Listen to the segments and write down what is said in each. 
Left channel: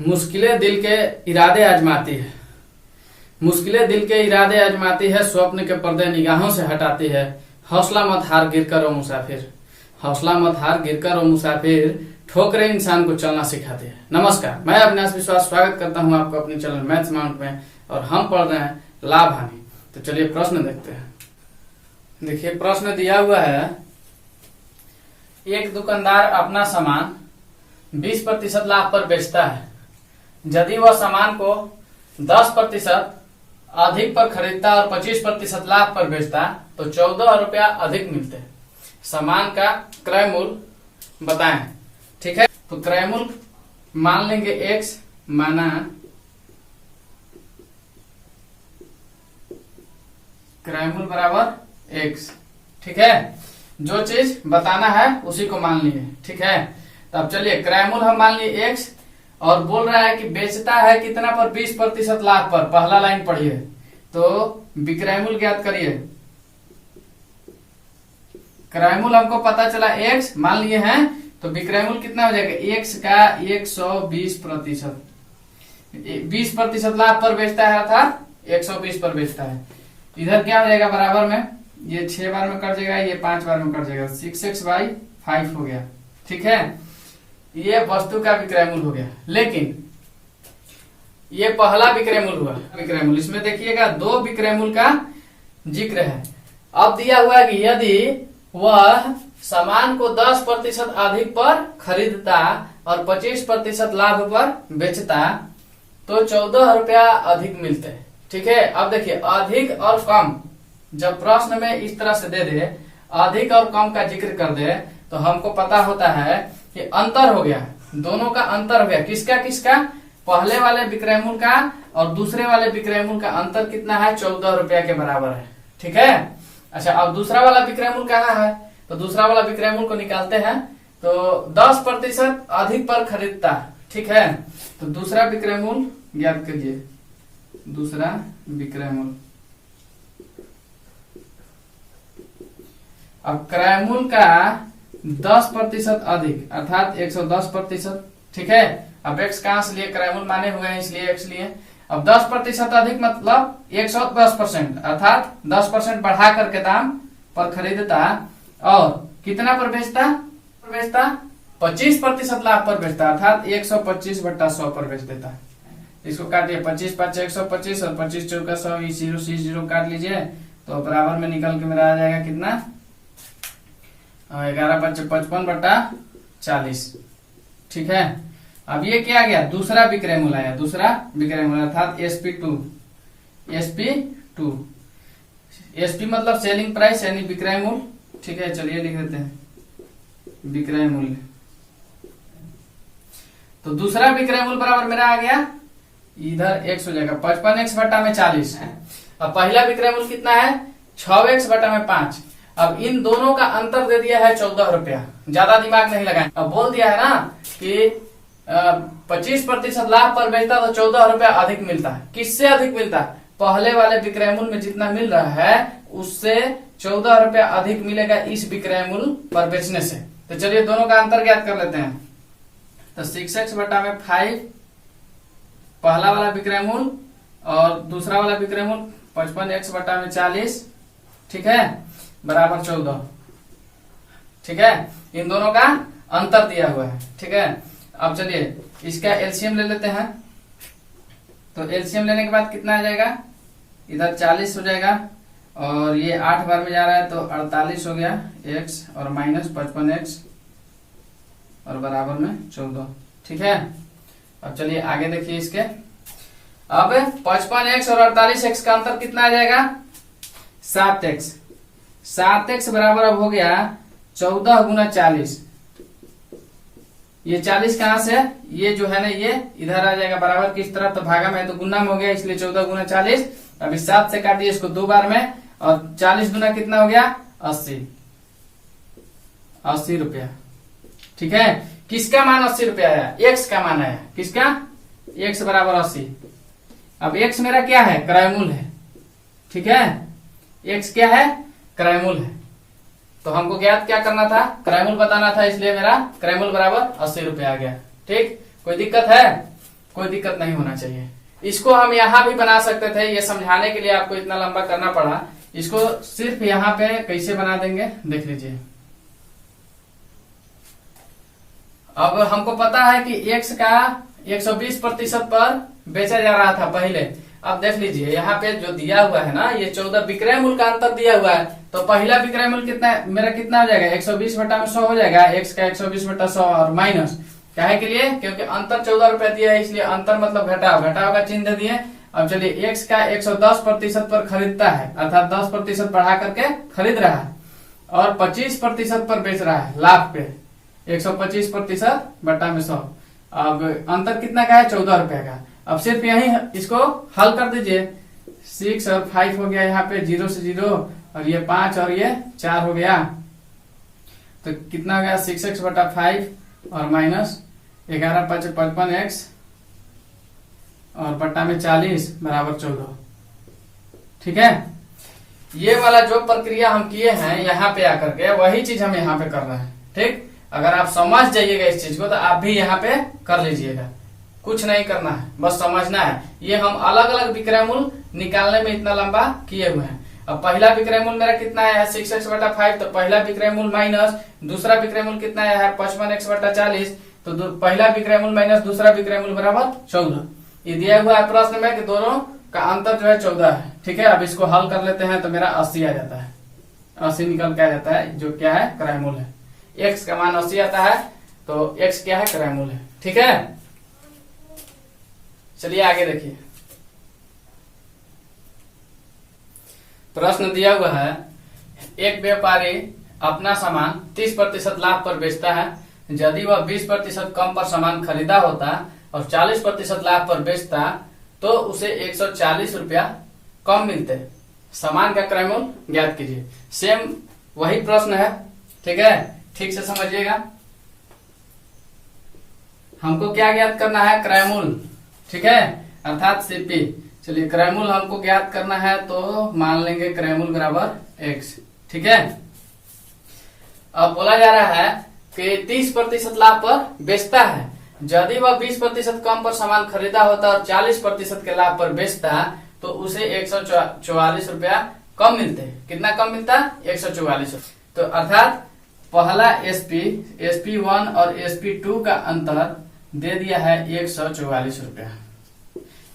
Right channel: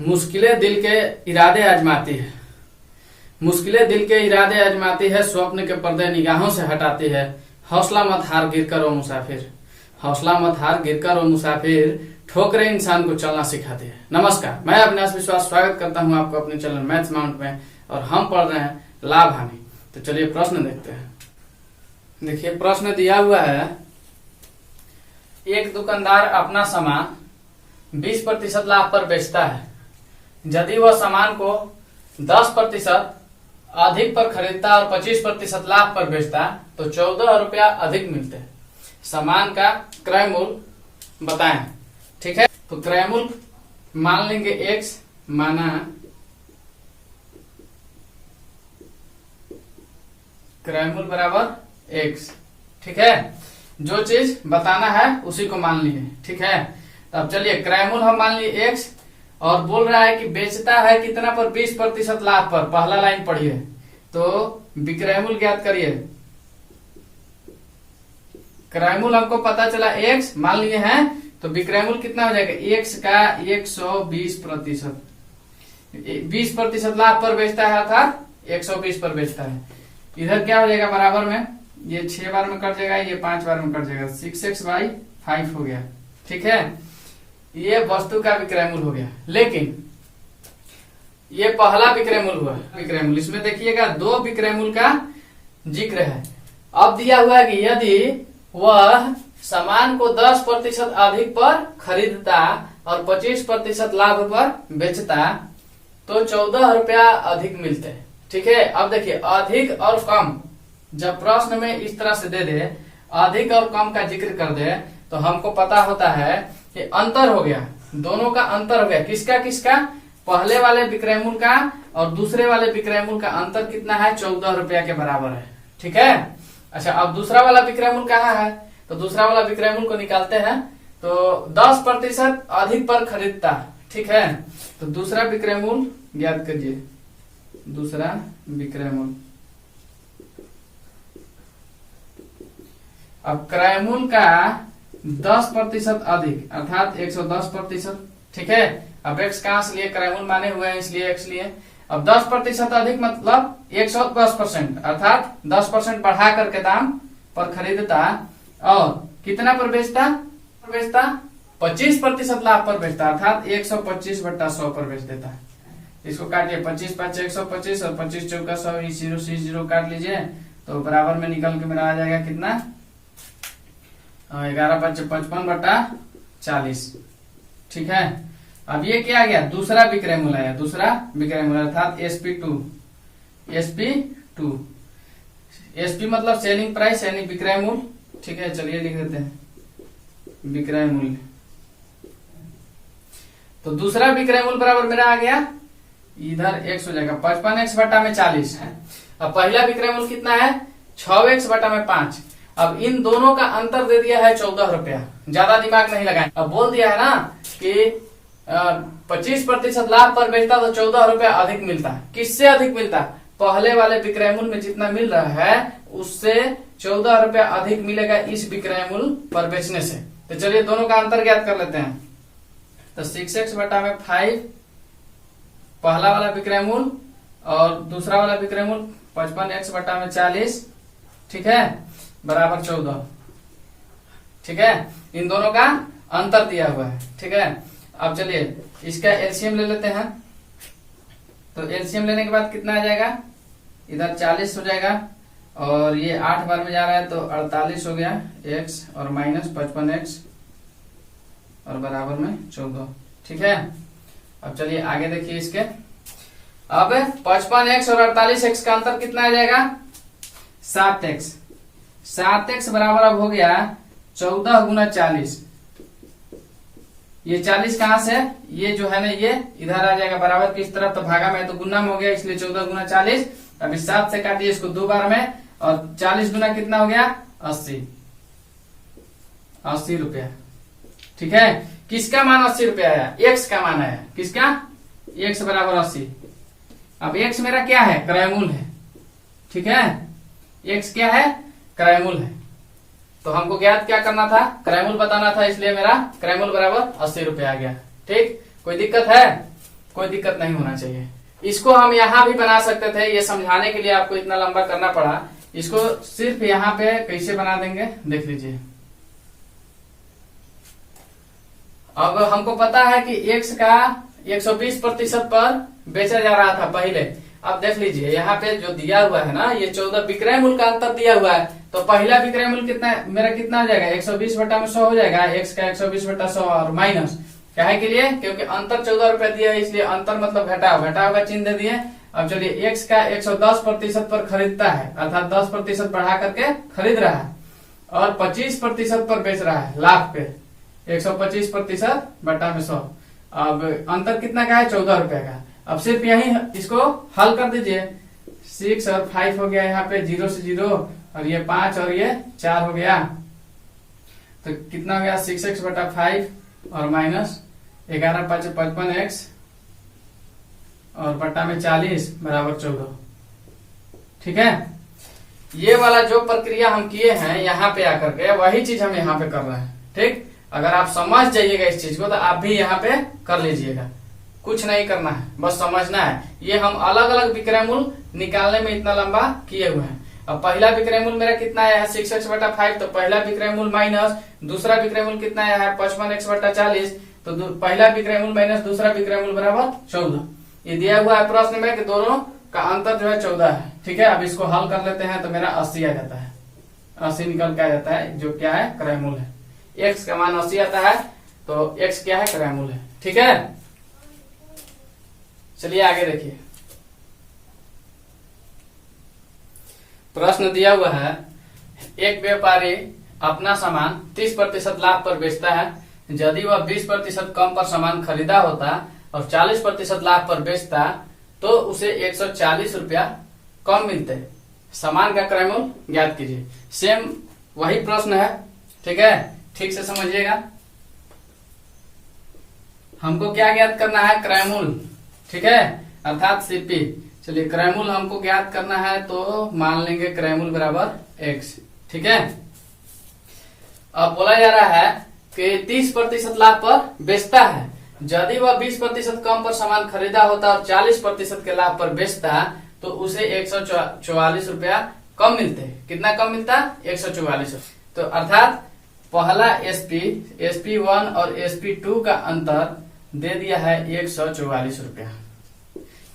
मुश्किलें दिल के इरादे आजमाती है। मुश्किलें दिल के इरादे आजमाती है, स्वप्न के पर्दे निगाहों से हटाती है। हौसला मत हार गिर कर ओ मुसाफिर, हौसला मत हार गिर कर ओ मुसाफिर, ठोकरें इंसान को चलना सिखाती है। नमस्कार, मैं अविनाश विश्वास स्वागत करता हूं आपको अपने चैनल मैथ्स माउंट में, और हम पढ़ रहे हैं लाभ हानि। तो चलिए प्रश्न देखते हैं। देखिए प्रश्न दिया हुआ है, एक दुकानदार अपना सामान 20% लाभ पर बेचता है। यदि वह सामान को 10% अधिक पर खरीदता और 25% लाभ पर बेचता तो 14 रुपया अधिक मिलते। सामान का क्रय मूल्य बताएं। ठीक है, तो क्रय मूल्य मान लेंगे x, माना क्रय मूल्य बराबर x। ठीक है, जो चीज बताना है उसी को मान लिए। ठीक है, तब चलिए क्रय मूल्य हम मान लिए x, और बोल रहा है कि बेचता है कितना पर, 20% लाभ पर। पहला लाइन पढ़िए, तो विक्रय मूल्य ज्ञात करिए। क्रय मूल्य हमको पता चला x मान लिए हैं, तो विक्रय मूल्य कितना हो जाएगा, x का 120%। 20% लाभ पर बेचता है अर्थात 120 पर बेचता है। इधर क्या हो जाएगा, बराबर में ये 6 बार में कट जाएगा, ये 5 बार में कट जाएगा, 6x/5 हो गया। ठीक है, ये वस्तु का विक्रय मूल्य हो गया। लेकिन ये पहला विक्रय मूल्य हुआ। विक्रय मूल्य इसमें देखिएगा 2 विक्रय मूल्य का जिक्र है। अब दिया हुआ है कि यदि वह सामान को 10% अधिक पर खरीदता और 25% लाभ पर बेचता तो 14 रुपया अधिक मिलते। ठीक है, अब देखिए अधिक और कम जब प्रश्न में इस तरह से दे दे, अधिक और कम का जिक्र कर दे, तो हमको पता होता है कि अंतर हो गया, दोनों का अंतर हो गया। किसका किसका, पहले वाले विक्रय मूल्य का और दूसरे वाले विक्रय मूल्य का अंतर कितना है, 14 रुपया के बराबर है। ठीक है, अच्छा अब दूसरा वाला विक्रय मूल्य कहाँ है, तो दूसरा वाला विक्रय मूल्य को निकालते हैं। तो 10% अधिक पर खरीदता। ठीक है, तो दूसरा विक्रय मूल्य ज्ञात करिए। दूसरा विक्रय मूल्य, अब क्रय मूल्य का 10% अधिक अर्थात 110%। ठीक है, अब x कहां से लिए, क्रय मूल्य माने हुए हैं इसलिए x लिए। अब 10% अधिक मतलब 110% अर्थात 10% बढ़ा करके दाम पर खरीदता और कितना पर बेचता, 25% लाभ पर बेचता अर्थात 125/100 पर बेच देता है। इसको काटिए, 25×5 125 और 25×4 100, 0 से 0 काट लीजिए, तो बराबर में निकल के मेरा आ जाएगा कितना, 11×5 55/40। ठीक है, अब ये क्या आ गया, दूसरा विक्रय मूल्य आया। दूसरा विक्रय मूल्य अर्थात SP2 मतलब सेलिंग प्राइस यानी विक्रय मूल्य। ठीक है, चलिए लिख देते हैं विक्रय मूल्य। तो दूसरा विक्रय मूल्य बराबर मेरा आ गया, इधर x हो जाएगा 55x/40। अब पहला विक्रय मूल्य कितना है, 6x/5। अब इन दोनों का अंतर दे दिया है 14 रुपया। ज्यादा दिमाग नहीं लगाए, अब बोल दिया है ना कि 25% लाभ पर बेचता तो 14 रुपया अधिक मिलता है। किससे अधिक मिलता है, पहले वाले विक्रय मूल्य में जितना मिल रहा है उससे 14 रुपया अधिक मिलेगा इस विक्रय मूल्य पर बेचने से। तो चलिए दोनों का अंतर ज्ञात कर लेते हैं। तो 6x/5 पहला वाला विक्रय मूल्य और दूसरा वाला विक्रय मूल्य 55x/40। ठीक है, बराबर 14। ठीक है, इन दोनों का अंतर दिया हुआ है। ठीक है, अब चलिए इसका एलसीएम ले लेते हैं। तो एलसीएम लेने के बाद कितना आ जाएगा, इधर 40 हो जाएगा और ये 8 बार में जा रहा है तो 48 हो गया x, और माइनस 55x और बराबर में 14। ठीक है, अब चलिए आगे देखिए इसके। अब 55x और 48x का अंतर कितना आ जाएगा, 7x। 7x बराबर अब हो गया 14×40। ये 40 कहां से, ये जो है ना ये इधर आ जाएगा बराबर किस तरफ, तो भागा में तो गुना में हो गया इसलिए 14×40। अभी 7 से काटिए इसको 2 बार में, और 40 गुना कितना हो गया, 80 रुपया। ठीक है, किसका मान 80 रुपया आया, x का मान आया। किसका, x बराबर 80। अब x मेरा क्या है, क्रय मूल्य है। ठीक है, x क्या है, क्रय मूल्य है। तो हमको ज्ञात क्या करना था, क्रय मूल्य बताना था, इसलिए मेरा क्रय मूल्य बराबर 80 रुपए आ गया। ठीक, कोई दिक्कत है? कोई दिक्कत नहीं होना चाहिए। इसको हम यहाँ भी बना सकते थे, ये समझाने के लिए आपको इतना लंबा करना पड़ा। इसको सिर्फ यहाँ पे कैसे बना देंगे देख लीजिए। अब हमको पता है कि x का 120% पर बेचा जा रहा था पहले। अब देख लीजिए यहाँ पे जो दिया हुआ है ना, ये 14 विक्रय मूल्य का अंतर दिया हुआ है। तो पहला विक्रय मूल्य कितना मेरा कितना हो जाएगा, 120 बटा में 100 हो जाएगा। x का 120 बटा 100 और माइनस काहे के लिए, क्योंकि अंतर 14 रुपया दिया है, इसलिए अंतर मतलब घटाव, घटाव का चिन्ह दे दिए। अब चलिए x का 110% पर खरीदता है, अर्थात 10% बढ़ा करके खरीद रहा है, और 25% पर बेच रहा है लाभ पे, 125% बटा में 100। अब अंतर कितना का है, 14 रुपए का। अब सिर्फ यही इसको हल कर दीजिए। 6 और 5 हो गया, यहाँ पे 0 से 0, और ये 5 और ये 4 हो गया। तो कितना हो गया, 6x बटा 5 और माइनस 11 5 55x और बटा में 40 बराबर 14। ठीक है, ये वाला जो प्रक्रिया हम किए हैं यहाँ पे आकर के, वही चीज हम यहाँ पे कर रहे हैं। ठीक, अगर आप समझ जाइएगा इस चीज को तो आप भी यहाँ पे कर लीजिएगा, कुछ नहीं करना है, बस समझना है। ये हम अलग अलग विक्रय मूल्य निकालने में इतना लंबा किए हुए हैं। अब पहला विक्रय मूल्य मेरा कितना आया है, 6x बटा 5, तो पहला विक्रय मूल्य माइनस दूसरा विक्रय मूल्य कितना आया है, 55x बटा 40, तो पहला विक्रय मूल्य माइनस दूसरा विक्रय मूल्य बराबर 14। ये दिया हुआ है प्रश्न में कि दोनों का अंतर जो है 14 है। ठीक है, अब इसको हल कर लेते हैं तो मेरा 80 आ जाता है, 80 निकल के आ जाता है, जो क्या है, क्रय मूल्य है। x का मान 80 आता है, तो x क्या है, क्रय मूल्य है। ठीक है, चलिए आगे देखिए। प्रश्न दिया हुआ है, एक व्यापारी अपना सामान 30% लाभ पर बेचता है। यदि वह 20% कम पर सामान खरीदा होता और 40% लाभ पर बेचता तो उसे 140 रुपया कम मिलते। सामान का क्रय मूल्य ज्ञात कीजिए। सेम वही प्रश्न है। ठीक है, ठीक से समझिएगा। हमको क्या ज्ञात करना है, क्रय मूल्य। ठीक है, अर्थात सीपी। चलिए क्रय मूल्य हमको ज्ञात करना है, तो मान लेंगे क्रय मूल्य बराबर x। ठीक है, अब बोला जा रहा है कि 30% लाभ पर बेचता है। यदि वह 20% कम पर सामान खरीदा होता और 40% के लाभ पर बेचता तो उसे 144 रुपया कम मिलते। कितना कम मिलता, 144। तो अर्थात पहला SP1 और SP2 का अंतर दे दिया है 144 रुपया।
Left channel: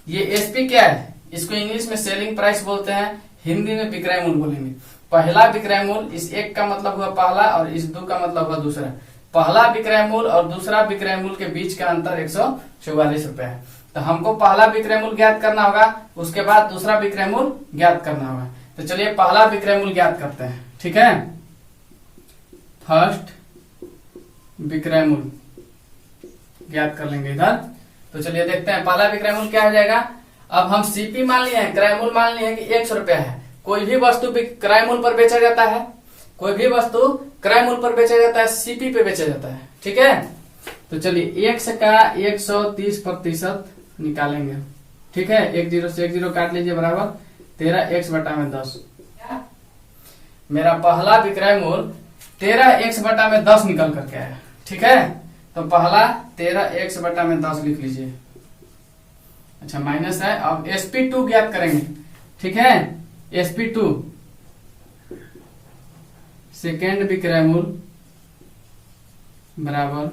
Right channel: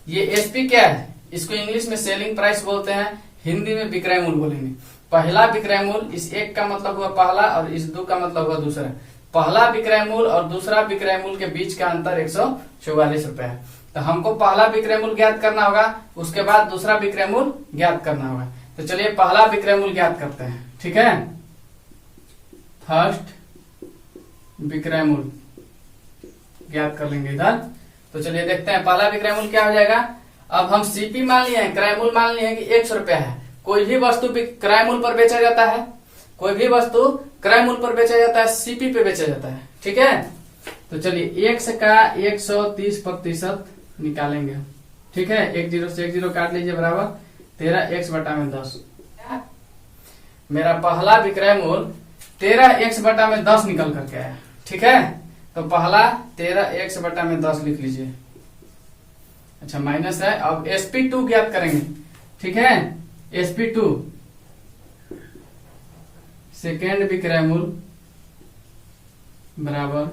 ये SP क्या है, इसको इंग्लिश में सेलिंग प्राइस बोलते हैं, हिंदी में विक्रय मूल्य बोलेंगे। पहला विक्रय मूल्य, इस एक का मतलब हुआ पहला और इस दो का मतलब हुआ दूसरा। पहला विक्रय मूल्य और दूसरा विक्रय मूल्य के बीच का अंतर 144 रुपया है। तो हमको पहला विक्रय मूल्य ज्ञात करना होगा, उसके बाद दूसरा विक्रय मूल्य ज्ञात करना होगा। तो चलिए पहला विक्रय मूल्य ज्ञात करते हैं। ठीक है, फर्स्ट विक्रय मूल्य ज्ञात कर लेंगे इधर। तो चलिए देखते हैं पहला विक्रय मूल्य क्या हो जाएगा। अब हम सीपी मान लिए हैं, क्रय मूल्य मान लिए हैं कि 100 रुपया है। कोई भी वस्तु क्रय मूल्य पर बेचा जाता है, कोई भी वस्तु क्रय मूल्य पर बेचा जाता है, सीपी पे बेचा जाता है। ठीक है, तो चलिए x का 130% निकालेंगे। ठीक है, 10 से 10 काट लीजिए, बराबर 13x बटा में 10। मेरा पहला विक्रय मूल्य 13x बटा में 10 निकल करके आया। ठीक है, तो पहला 13x बटा में 10 लिख लीजिए। अच्छा, माइनस है। अब SP2 ज्ञात करेंगे। ठीक है, SP2 सेकेंड विक्रय मूल्य बराबर,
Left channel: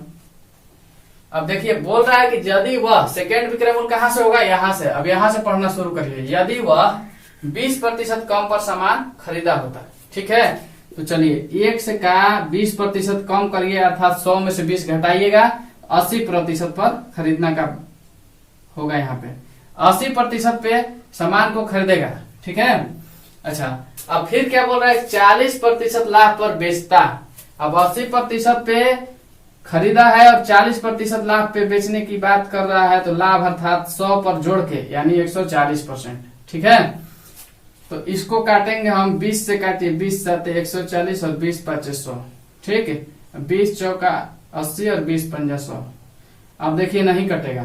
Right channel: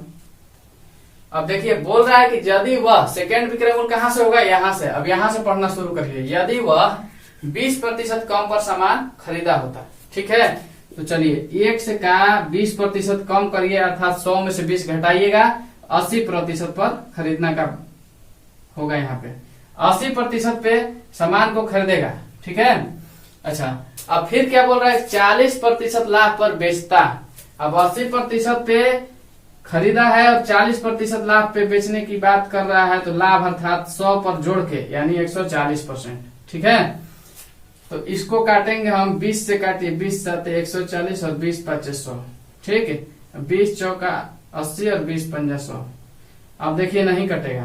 अब देखिए बोल रहा है कि यदि वह, सेकेंड विक्रय मूल्य कहां से होगा, यहां से। अब यहां से पढ़ना शुरू करिए। यदि वह 20% कम पर सामान खरीदा होता। ठीक है, तो चलिए x का 20% कम करिए, अर्थात 100 में से 20 घटाइएगा, 80% पर खरीदना का होगा। यहाँ पे 80% पे सामान को खरीदेगा। ठीक है, अच्छा, अब फिर क्या बोल रहा है, 40% लाभ पर बेचता। अब 80% पे खरीदा है और 40% लाभ पे बेचने की बात कर रहा है, तो लाभ अर्थात 100 पर जोड़ के, यानी 140%। ठीक है, तो इसको काटेंगे हम 20 से, काटिए 20 7 140 और 20 5 100। ठीक है, 20 चौका 80 और 20 पंजा 100। अब देखिए नहीं कटेगा,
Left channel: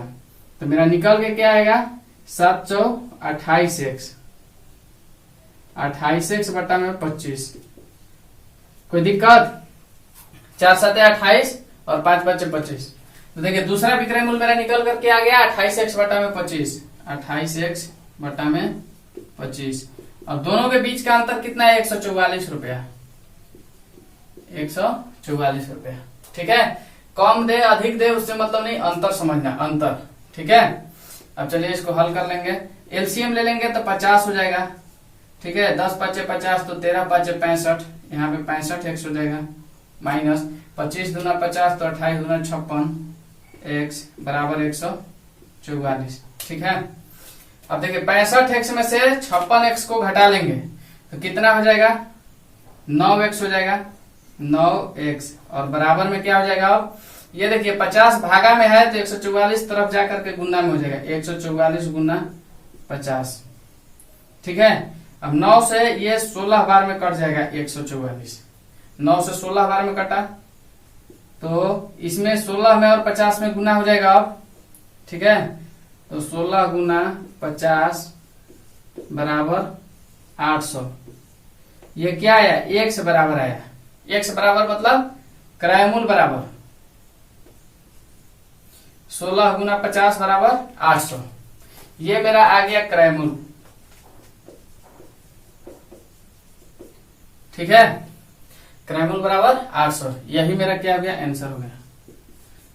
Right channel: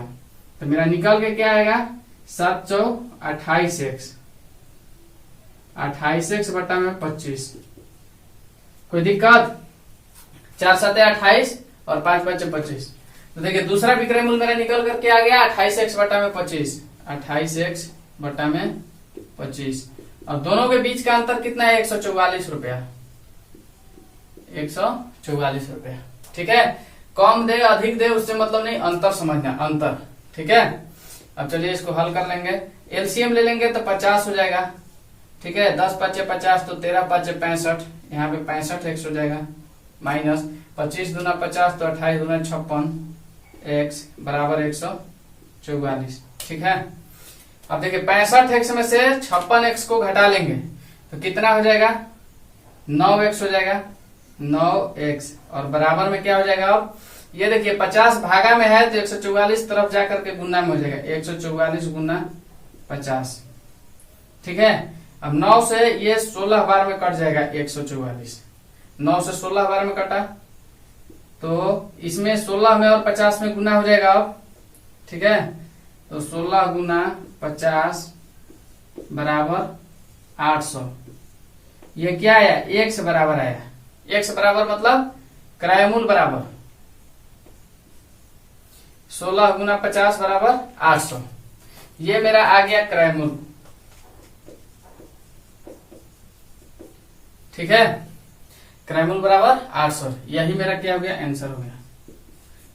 तो मेरा निकल के क्या आएगा, 7 चौ 28x, 28x बटा में 25। कोई दिक्कत, 4 7 28 और 5 5 25। तो देखिए दूसरा विक्रय मूल्य मेरा निकल करके आ गया 28x बटा में 25, 28x बटा में 25। और दोनों के बीच का अंतर कितना है? 144 रुपया, 144 रुपया। ठीक है, कम दे अधिक दे उससे मतलब नहीं, अंतर समझना, अंतर। ठीक है, अब चलिए इसको हल कर लेंगे। एलसीएम ले लेंगे तो 50 हो जाएगा। ठीक है, 10 पचे 50 तो 13 पचे 65, यहाँ पे 65x हो जाएगा, माइनस 25 दूना 50 तो 28 दूना 56 x बराबर 144। ठीक है, अब देखिए 65x में से 56x को घटा लेंगे तो कितना हो जाएगा? 9x हो जाएगा, 9x। और बराबर में क्या हो जाएगा? अब ये देखिए 50 भागा में है तो 144 तरफ जाकर के गुना में हो जाएगा, 144 गुना 50। ठीक है, अब 9 से ये 16 बार में कट जाएगा 144, 9 से 16 बार में कटा तो इसमें 16 में और 50 में गुना हो जाएगा अब। ठीक है, तो 16 गुना 50 बराबर 800। ये क्या आया? x बराबर आया। x बराबर मतलब क्रय मूल्य बराबर 16 गुना 50 बराबर 800। ये मेरा आ गया क्रय मूल्य। ठीक है, क्रय मूल्य बराबर 800। यही मेरा क्या हो गया? आंसर हो गया।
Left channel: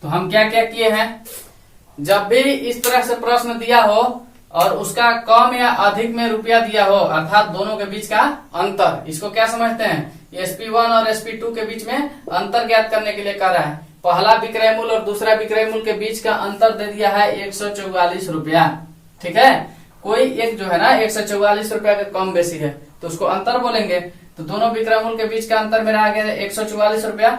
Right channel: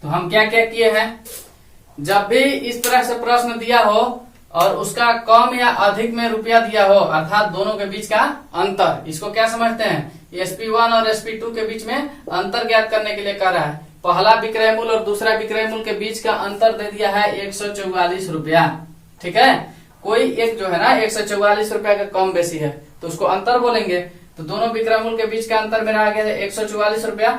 तो हम क्या क्या किए हैं, जब भी इस तरह से प्रश्न दिया हो और उसका कम या अधिक में रुपया दिया हो, अर्थात दोनों के बीच का अंतर, इसको क्या समझते हैं? SP1 और SP2 के बीच में अंतर ज्ञात करने के लिए कह रहा है। पहला विक्रय मूल्य और दूसरा विक्रय मूल्य के बीच का अंतर दे दिया है 144 रुपया। ठीक है, कोई एक जो है ना 144 रुपया का कम बेसी है तो उसको अंतर बोलेंगे। तो दोनों विक्रय मूल्य के बीच का अंतर मेरा आ गया 144 रुपया।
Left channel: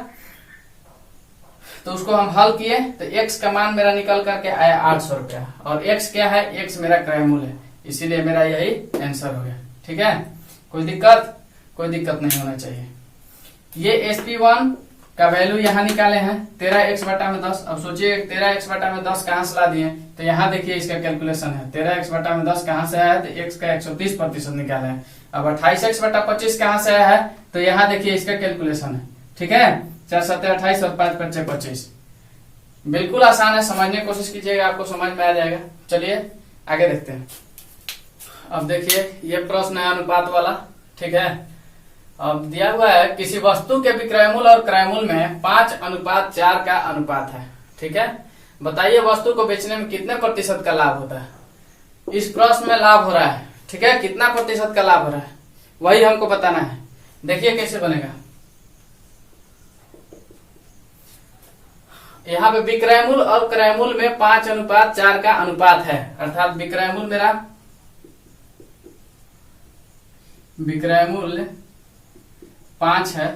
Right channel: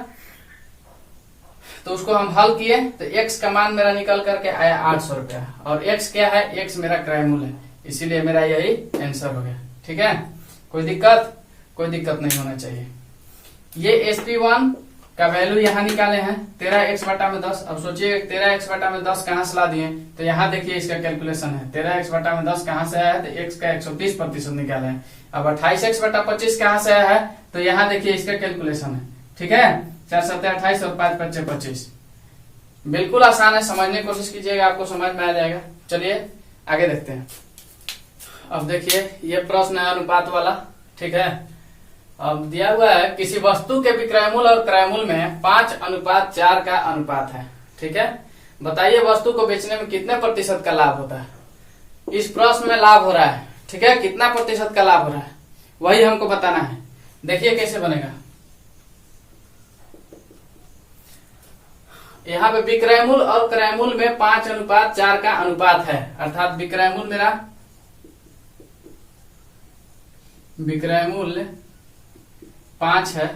तो उसको हम हल किए तो x का मान मेरा निकल करके आया 800 रुपया, और x क्या है? x मेरा क्रय मूल्य है, इसीलिए मेरा यही आंसर हो गया। ठीक है, कोई दिक्कत? कोई दिक्कत नहीं होना चाहिए। ये SP1 का वैल्यू यहाँ निकाले हैं 13x बटा में 10। अब सोचिए 13x बटा में 10 कहाँ से ला दिए? तो यहाँ देखिए इसका कैलकुलेशन है, 13x बटा में 10 कहाँ से आया है? तो x का 130% निकाले हैं। अब 28x बटा 25 कहाँ से आया है? तो यहाँ देखिए इसका कैलकुलेशन है। ठीक है, 4 7 28 और 5 5 25। बिल्कुल आसान है, समझने की कोशिश कीजिएगा, आपको समझ में आ जाएगा। चलिए आगे देखते हैं। अब देखिए ये प्रश्न है अनुपात वाला। ठीक है, अब दिया हुआ है किसी वस्तु के विक्रय मूल्य और क्रय मूल्य में 5:4 का अनुपात है। ठीक है, बताइए वस्तु को बेचने में कितने प्रतिशत का लाभ होता है? इस प्रश्न में लाभ हो रहा है। ठीक है, कितना प्रतिशत का लाभ हो रहा है वही हमको बताना है। देखिए कैसे बनेगा। यहाँ पे विक्रय मूल्य और क्रय मूल्य में 5:4 का अनुपात है, अर्थात विक्रय मूल्य मेरा विक्रय मूल्य 5 है।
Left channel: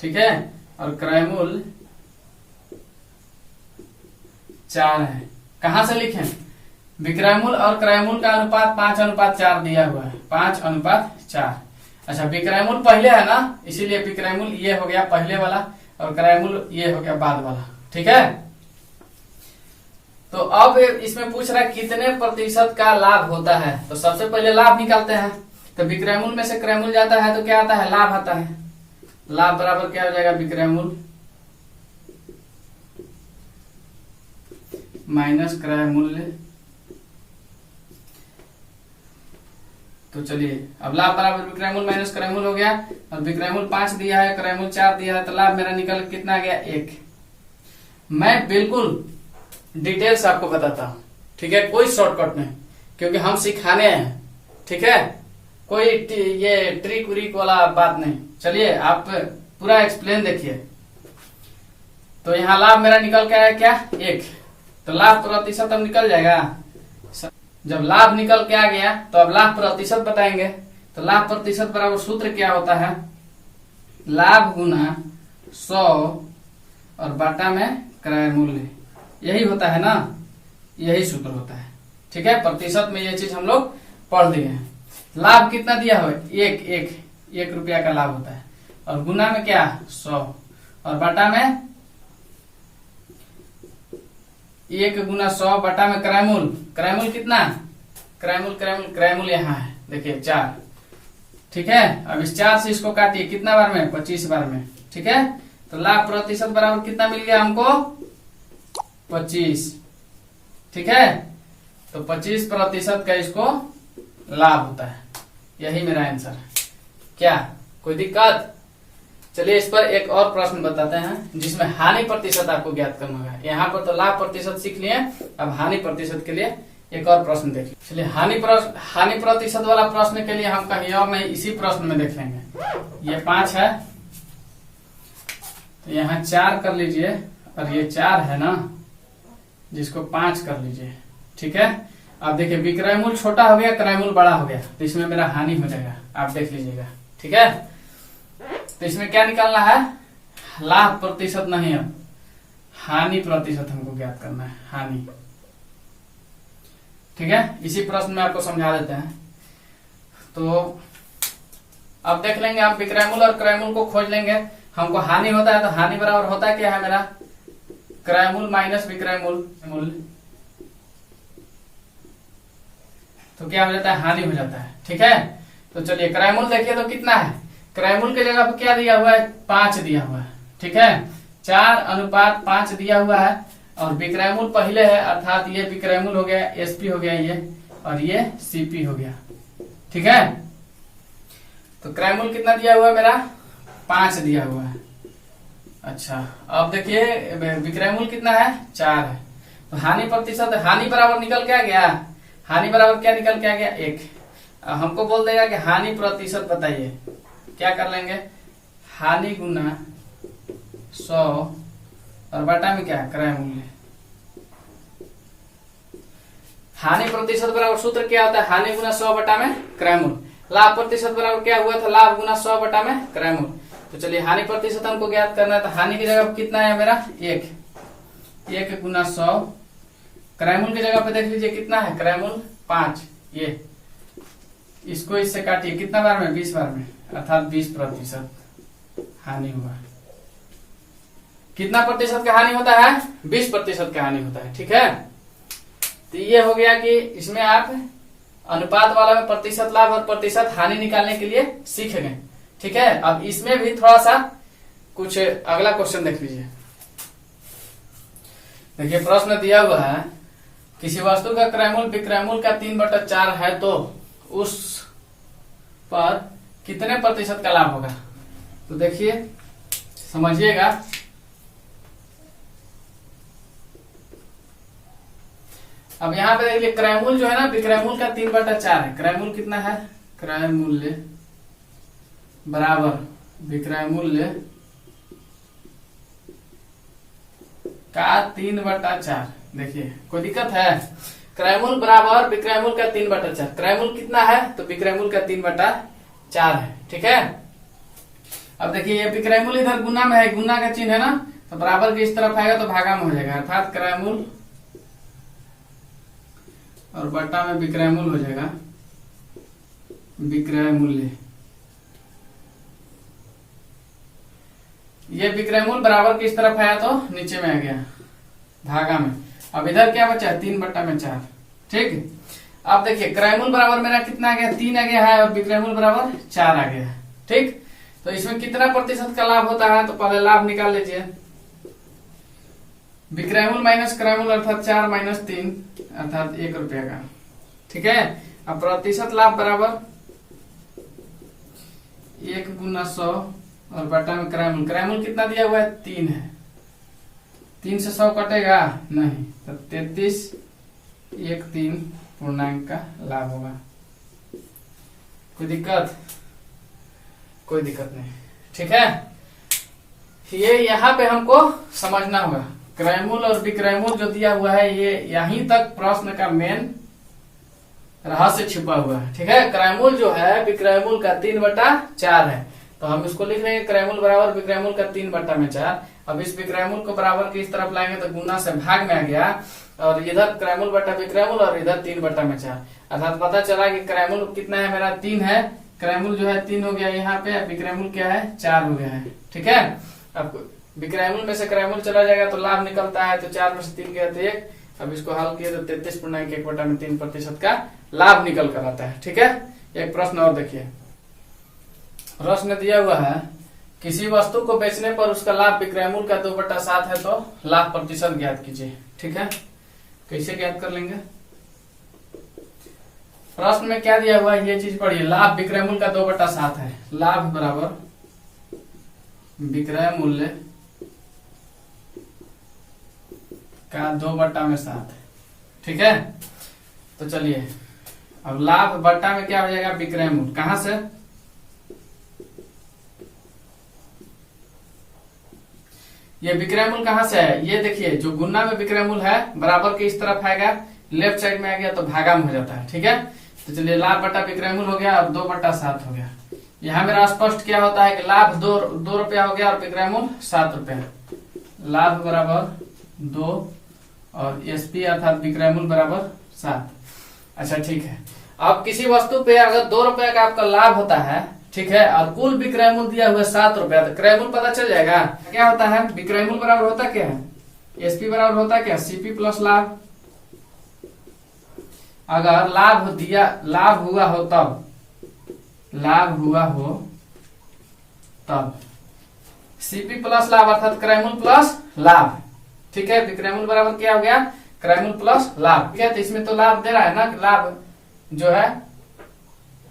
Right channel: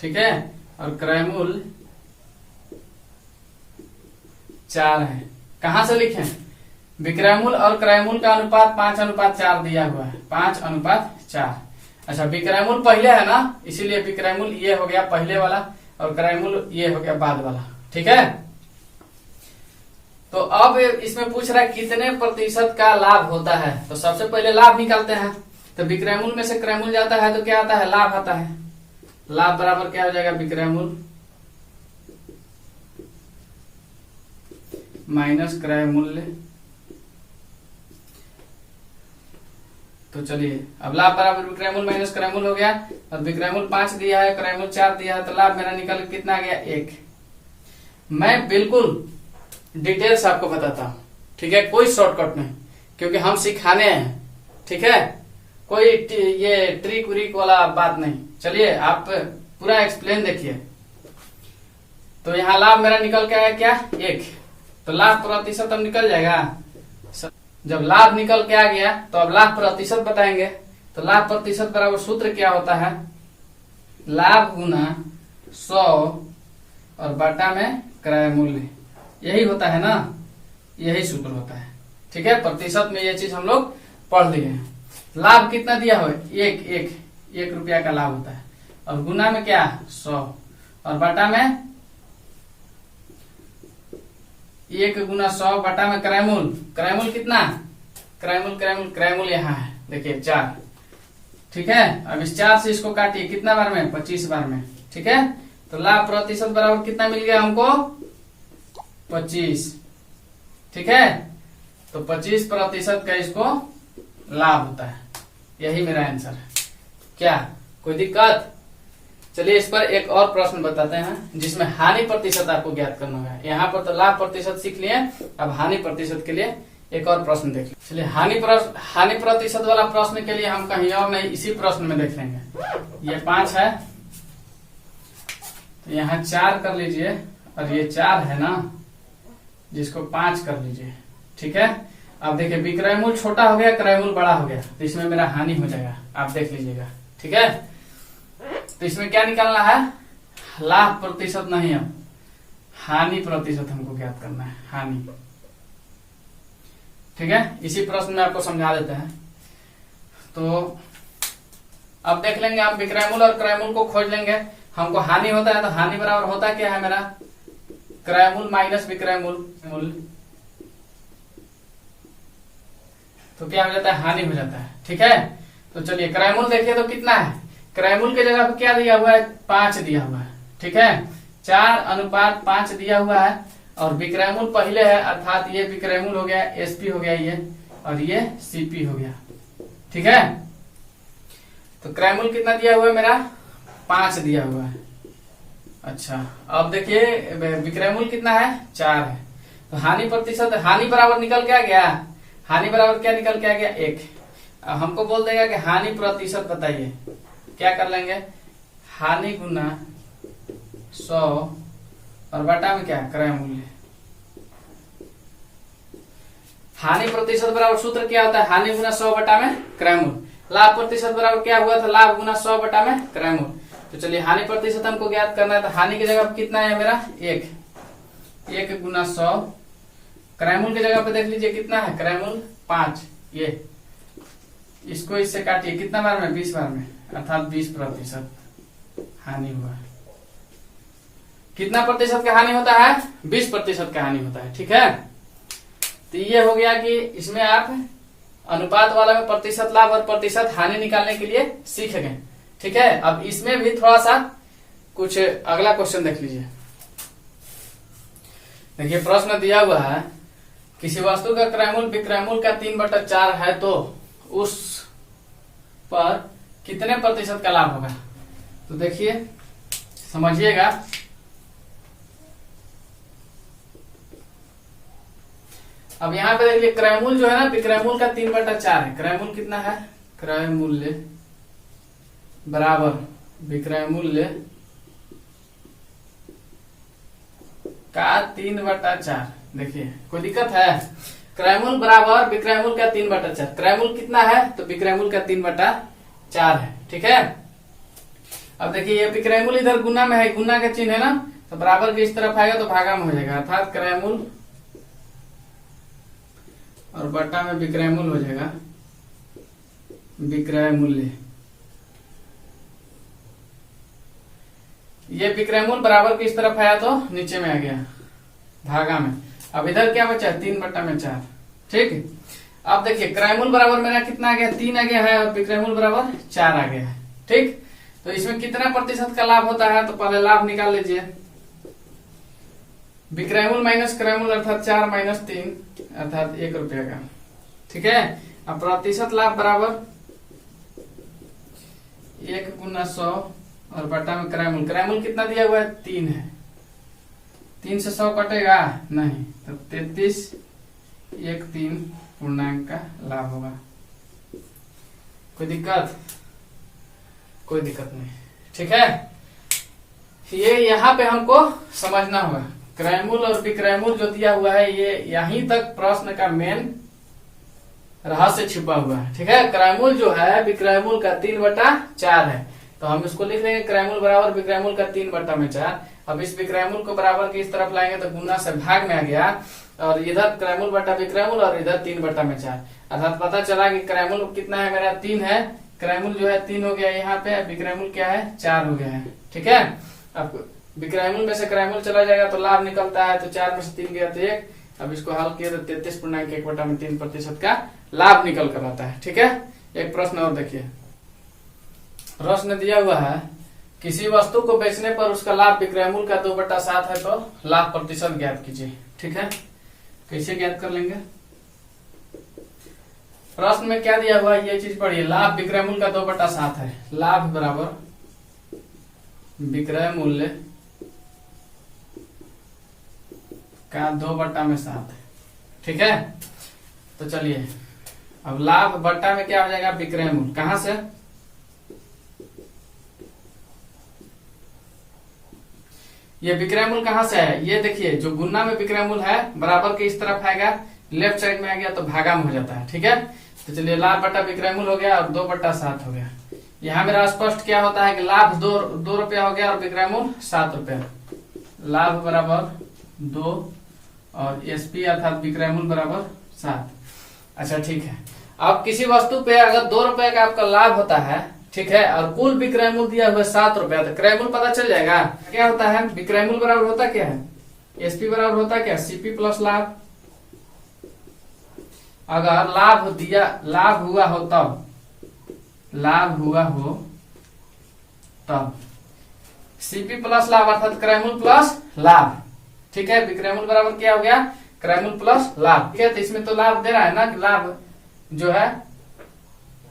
ठीक है, और क्रय मूल्य 4 है। कहां से लिखें? विक्रय मूल्य और क्रय मूल्य का अनुपात 5:4 दिया हुआ है, 5:4। अच्छा, विक्रय मूल्य पहले है ना, इसीलिए विक्रय मूल्य ये हो गया पहले वाला और क्रय मूल्य ये हो गया बाद वाला। ठीक है, तो अब इसमें पूछ रहा है कितने प्रतिशत का लाभ होता है। तो सबसे पहले लाभ निकालते हैं। तो विक्रय मूल्य में से क्रय मूल्य जाता है तो क्या आता है? लाभ आता है। लाभ बराबर क्या हो जाएगा? विक्रय मूल्य माइनस क्रय मूल्य। तो चलिए अब लाभ बराबर विक्रय मूल्य माइनस क्रय मूल्य हो गया, और विक्रय मूल्य 5 दिया है, क्रय मूल्य 4 दिया है, तो लाभ मेरा निकल कितना गया? 1। मैं बिल्कुल डिटेल से आपको बताता हूं। ठीक है, कोई शॉर्टकट नहीं, क्योंकि हम सिखाने हैं। ठीक है, कोई ये ट्रिक व्रिक वाला बात नहीं। चलिए आप पूरा एक्सप्लेन देखिए। तो यहाँ लाभ मेरा निकल के आया क्या? 1। तो लाभ प्रतिशत अब निकल जाएगा। जब लाभ निकल के आ गया तो अब लाभ प्रतिशत बताएंगे। तो लाभ प्रतिशत बराबर सूत्र क्या होता है? लाभ गुना 100 और बटा में क्रय मूल्य, यही होता है ना, यही सूत्र होता है। ठीक है, प्रतिशत में ये चीज हम लोग पढ़ दिए हैं। लाभ कितना दिया हो? 1 रुपया का लाभ होता है, और गुना में क्या? 100, और बटा में 1 गुना 100 बटा में क्रय मूल्य। क्रय मूल्य कितना? क्रय मूल्य यहाँ है, देखिए 4। ठीक है, अब इस 4 से इसको काटिए, कितना बार में? 25 बार में। ठीक है, तो लाभ प्रतिशत बराबर कितना मिल गया हमको? 25। ठीक है, तो 25% का इसको लाभ होता है। यही मेरा आंसर है। क्या कोई दिक्कत? चलिए इस पर एक और प्रश्न बताते हैं जिसमें हानि प्रतिशत आपको ज्ञात करना होगा। यहाँ पर तो लाभ प्रतिशत सीख लिए, अब हानि प्रतिशत के लिए एक और प्रश्न देख लीजिए। चलिए हानि प्रतिशत वाला प्रश्न के लिए हम कहीं और नहीं इसी प्रश्न में देख लेंगे। ये 5 है, तो यहाँ 4 कर लीजिए, और ये 4 है ना, जिसको 5 कर लीजिए। ठीक है, अब देखिए विक्रय मूल्य छोटा हो गया, क्रय मूल्य बड़ा हो गया, तो इसमें मेरा हानि हो जाएगा, आप देख लीजिएगा। ठीक है, तो इसमें क्या निकालना है? लाभ प्रतिशत नहीं, अब हानि प्रतिशत हमको ज्ञात करना है, हानि। ठीक है, इसी प्रश्न में आपको समझा देते हैं। तो अब देख लेंगे, आप विक्रय मूल्य और क्रय मूल्य को खोज लेंगे। हमको हानि होता है, तो हानि बराबर होता क्या है मेरा? क्रय मूल्य माइनस विक्रय मूल्य, तो क्या हो जाता है? हानि हो जाता है। ठीक है, तो चलिए क्रय मूल्य देखिए तो कितना है? क्रय मूल्य की जगह पर क्या दिया हुआ है? 5 दिया हुआ है। ठीक है, 4:5 दिया हुआ है, और विक्रय मूल्य पहले है, अर्थात ये विक्रय मूल्य हो गया, एसपी हो गया ये, और ये सीपी हो गया। ठीक है, तो क्रय मूल्य कितना दिया हुआ है मेरा? 5 दिया हुआ है। अच्छा, अब देखिए विक्रय मूल्य कितना है? 4 है। तो हानि प्रतिशत, हानि बराबर निकल क्या गया? हानि बराबर क्या निकल के आ गया? 1। हमको बोल देगा कि हानि प्रतिशत बताइए, क्या कर लेंगे? हानि गुना 100 और बटा में क्या? क्रय मूल्य। हानि प्रतिशत बराबर सूत्र क्या होता है? हानि गुना 100 बटा में क्रय मूल्य। लाभ प्रतिशत बराबर क्या हुआ था? लाभ गुना 100 बटा में क्रय मूल्य। तो चलिए हानि प्रतिशत हमको ज्ञात करना है, तो हानि की जगह कितना है मेरा? 1 गुना 100। क्रय मूल्य की जगह पे देख लीजिए कितना है? क्रय मूल्य 5। ये इसको इससे काटिए, कितना बार में? 20 बार में, अर्थात 20% हानि हुआ। कितना प्रतिशत का हानि होता है? 20% का हानि होता है। ठीक है, तो ये हो गया कि इसमें आप अनुपात वाला में प्रतिशत लाभ और प्रतिशत हानि निकालने के लिए सीख गए। ठीक है, अब इसमें भी थोड़ा सा कुछ अगला क्वेश्चन देख लीजिए। देखिए प्रश्न दिया हुआ है, किसी वस्तु का क्रय मूल्य विक्रय मूल्य का 3/4 है, तो उस पर कितने प्रतिशत का लाभ होगा? तो देखिए समझिएगा, अब यहाँ पे देखिए क्रय मूल्य जो है ना, विक्रय मूल्य का 3/4 है। क्रय मूल्य कितना है? क्रय मूल्य बराबर विक्रय मूल्य का 3/4। देखिए कोई दिक्कत है? क्रय मूल्य बराबर विक्रय मूल्य का 3/4। क्रय मूल्य कितना है? तो विक्रय मूल्य का 3/4 है। ठीक है, अब देखिए ये विक्रय मूल्य इधर गुना में है, गुना का चिन्ह है ना, तो बराबर के इस तरफ आएगा तो भागा में हो जाएगा, अर्थात क्रय मूल्य और बटा में विक्रय मूल्य हो जाएगा, विक्रय मूल्य। ये विक्रय मूल्य बराबर किस तरफ आया तो नीचे में आ गया, भागा में। अब इधर क्या बचा? 3/4। ठीक, अब देखिए क्रय मूल्य बराबर मेरा कितना आ गया? 3 आ गया है, और विक्रय मूल्य बराबर 4 आ गया है। ठीक, तो इसमें कितना प्रतिशत का लाभ होता है? तो पहले लाभ निकाल लीजिए। विक्रय मूल्य माइनस क्रय मूल्य, अर्थात 4 - 3, अर्थात 1 रुपया का। ठीक है, अब प्रतिशत लाभ बराबर 1 गुना 100 और बटा में क्रय मूल्य। क्रय मूल्य कितना दिया हुआ है? 3 है। 3 से 100 कटेगा नहीं, तो 33.13 पूर्णांक का लाभ होगा। कोई दिक्कत? कोई दिक्कत नहीं। ठीक है, ये यहाँ पे हमको समझना होगा। क्रय मूल्य और विक्रय मूल्य जो दिया हुआ है, ये यहीं तक प्रश्न का मेन रहस्य छिपा हुआ है। ठीक है, क्रय मूल्य जो है विक्रय मूल्य का 3/4 है, तो हम इसको लिख लेंगे क्रय मूल्य बराबर विक्रय मूल्य का 3/4। अब इस विक्रय मूल्य को बराबर की इस तरफ लाएंगे तो गुना से भाग में आ गया, और इधर क्रय मूल्य बटा विक्रय मूल्य, और इधर 3/4, अर्थात पता चला कि क्रय मूल्य कितना है मेरा? 3 है। क्रय मूल्य जो है 3 हो गया यहाँ पे, विक्रय मूल्य क्या है? 4 हो गया है। ठीक है, अब विक्रय मूल्य में से क्रय मूल्य चला जाएगा तो लाभ निकलता है, तो 4 में से 3 गया तो 1। अब इसको हल किया तो 33.1/3% का लाभ निकल कर आता है। ठीक है, एक प्रश्न और देखिए। प्रश्न दिया हुआ है, किसी वस्तु को बेचने पर उसका लाभ विक्रय मूल्य का 2/7 है तो लाभ प्रतिशत ज्ञात कीजिए। ठीक है, कैसे ज्ञात कर लेंगे? प्रश्न में क्या दिया हुआ है ये चीज पढ़िए। लाभ विक्रय मूल्य का 2/7 है। लाभ बराबर विक्रय मूल्य का 2/7। ठीक है, तो चलिए अब लाभ बट्टा में क्या हो जाएगा? विक्रय मूल्य। कहां से? ये विक्रय मूल्य कहां से है? ये देखिए, जो गुना में विक्रय मूल्य है बराबर के इस तरफ आएगा, लेफ्ट साइड में आ गया तो भागा में हो जाता है। ठीक है, तो चलिए लाभ बट्टा विक्रय मूल्य हो गया और 2/7 हो गया। यहाँ मेरा स्पष्ट क्या होता है कि लाभ 2 रुपया हो गया और विक्रय मूल्य 7 रुपया। लाभ बराबर 2 और एसपी अर्थात विक्रय मूल्य बराबर 7। अच्छा ठीक है, अब किसी वस्तु पे अगर 2 रुपए का आपका लाभ होता है, ठीक है, और कुल विक्रय मूल्य दिया हुआ 7 रुपया, तो क्रय मूल्य पता चल जाएगा। क्या होता है? विक्रय मूल्य बराबर होता क्या है? एसपी बराबर होता क्या? सीपी प्लस लाभ। अगर लाभ हुआ हो तब, लाभ हुआ हो तब सीपी प्लस लाभ अर्थात क्रय मूल्य प्लस लाभ। ठीक है, विक्रय मूल्य बराबर क्या हो गया? क्रय मूल्य प्लस लाभ। ठीक है, तो इसमें तो लाभ दे रहा है ना कि लाभ जो है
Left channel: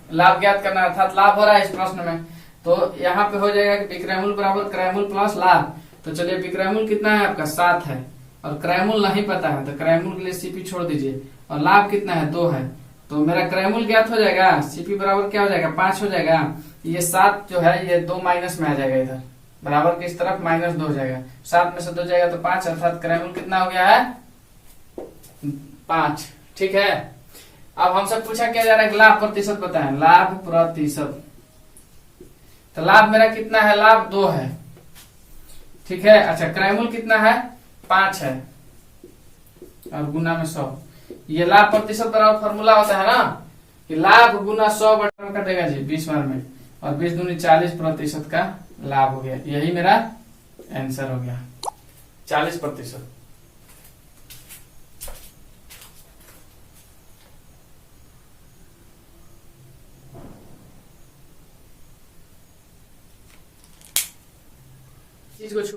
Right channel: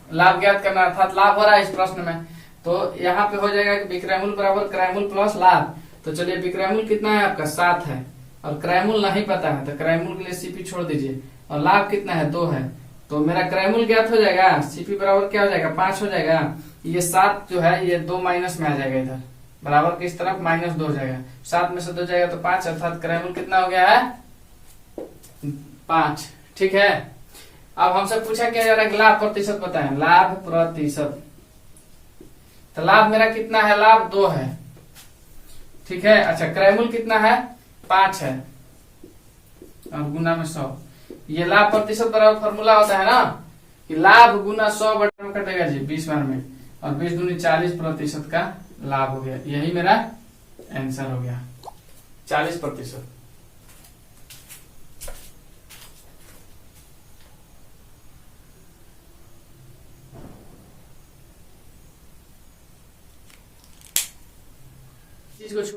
लाभ ज्ञात करना, अर्थात लाभ हो रहा है इस प्रश्न में। तो यहाँ पे हो जाएगा कि विक्रय मूल्य बराबर क्रय मूल्य प्लस लाभ। तो चलिए विक्रय मूल्य कितना है आपका? 7 है और क्रय मूल्य नहीं पता है, तो क्रय मूल्य के लिए सीपी छोड़ दीजिए। और लाभ कितना है? 2 है, तो मेरा क्रय मूल्य ज्ञात हो जाएगा। सीपी बराबर क्या हो जाएगा? 5 हो जाएगा। ये 7 जो है ये 2 माइनस में आ जाएगा, इधर बराबर की इस तरफ -2 हो जाएगा। 7 में से 2 जाएगा तो 5, अर्थात क्रय मूल्य कितना हो गया है? 5। ठीक है, अब हमसे पूछा क्या जा रहा है? लाभ प्रतिशत बताएं। लाभ प्रतिशत, तो लाभ मेरा कितना है? लाभ 2 है। ठीक है, अच्छा क्रय मूल्य कितना है? 5 है और गुना में 100। ये लाभ प्रतिशत बराबर फॉर्मूला होता है ना कि लाभ गुना 100 बटे में कटेगा जी 20 बार में, और 20 दूनी 40% का लाभ हो गया। यही मेरा आंसर हो गया, 40%। चीज को